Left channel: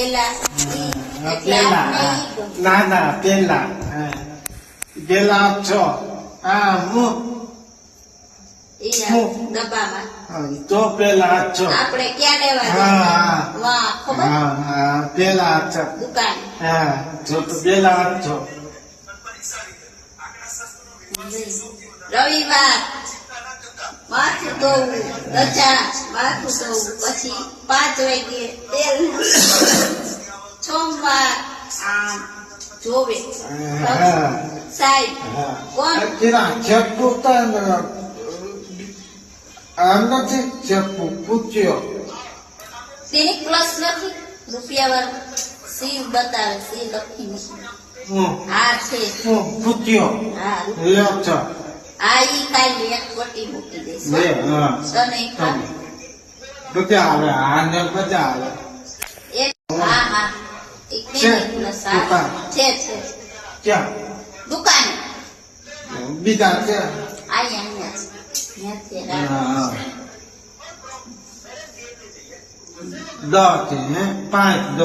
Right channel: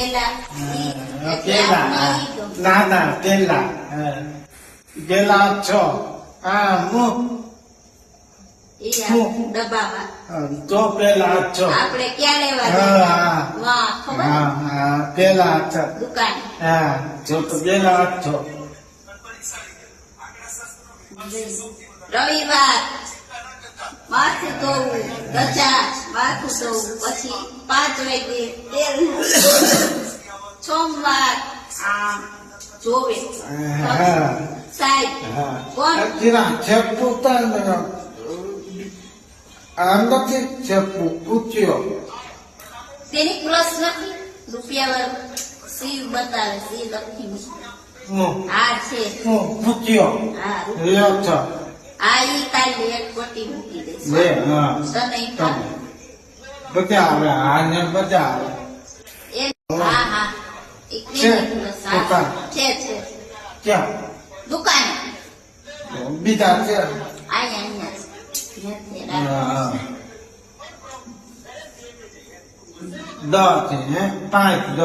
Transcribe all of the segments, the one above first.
પેલા પેલા ના ના પેલા પેલા છો હું ડબ્બામાં તો પેલા છો આપણે ક્યાં લેવા હા વાહ ખબર હા પેલા છો દુકાન હા જો તો પેલા છો રવિવાર માથું ધોવું રજા માથું ધોવું પછી 5 વાગે તેલ સોમવાર આમ જોવે સાહેબ કોણ તેના ચપ્પુ નથી ચપ્પુ પૂછ્યો તેની પ્લસ લખી રૂપિયા વાળું સી બતાવે સી લખીને હા છે પૂછ્યો હા લ્યો છો આ ઈ કાલે એક ગોટી મૂકી દઈશ લે હા તને કાલે બધા આવે આને બધા આવે એક હા હા એક છે? ને પ્લસ દુકાન. છે ક્યાં દુકાન બીજા છે અહીંયા નથી હા 10 હે 5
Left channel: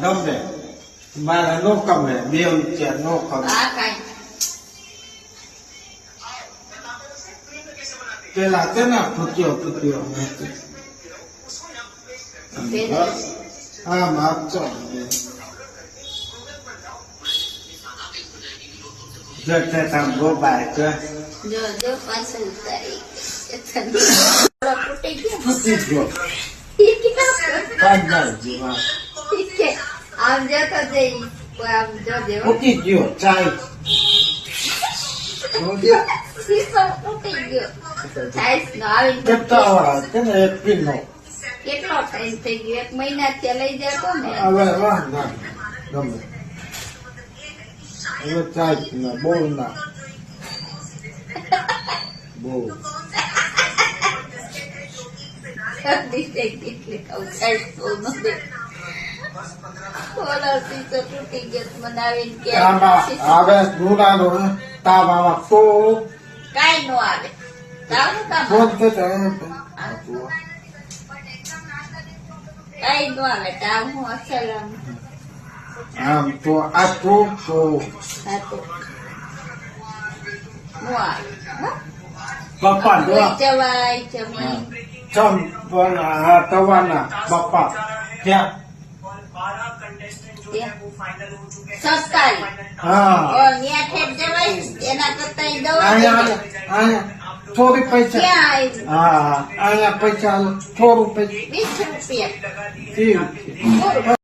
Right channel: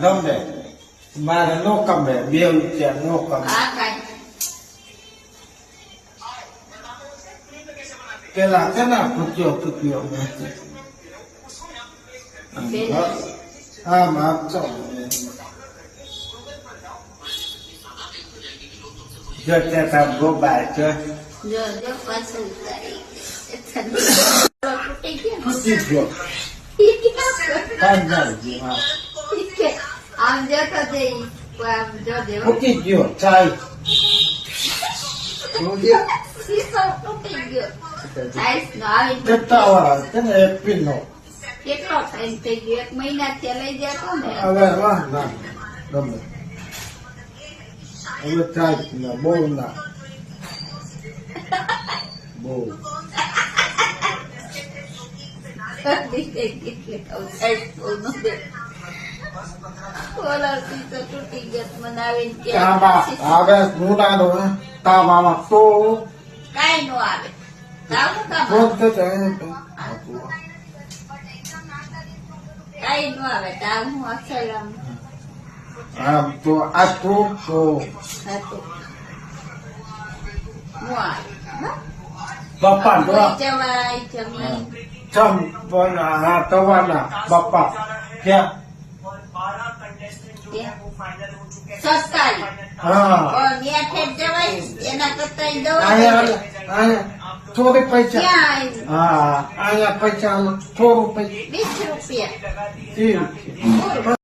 ગમે મારે નો કમે 2 રૂપિયા નો કમે આ કાઈ પેલા કેના પૂછ્યો આમ આપજો જો ચેતા ગોબાય છે જો પાછું ઉતારી પૂછી ગયો ફાઈનલ આમ જતો જઈ આમ જોજે પૂછી ગયો ચાય શીશો તૂટી ગયો ચાઈસ નો આવી કેટલા વાર કેને એક કિલો કેટલો ટાઈમ થઈ ગયો 1 મહિના ત્યાં લઈ જતો ને હવે વાહ ના ગમે હવે ચાય ના બહુ ના બહુ તૂટી ગયો મનાવીને કે હવે ગુડાનો તાવામાં તો કાઈ નો આવે જાવું કામ ફોન કે કાઈ નો આવે જાવ હું અસલ આમ તો આટલું તો હતું હું આવે પપ્પા તો જવાય જમીન ચમ પણ આ તવાના પપ્પા ત્યાં સસ્તાઈ હા ત્યાં ઠેઠ જવાય એના કરતા દવા અહીંયા થોડી પૈસા ક્યાં હા અહીંયા પૈસા થોડું પૈસા 20 રૂપિયા ઠીક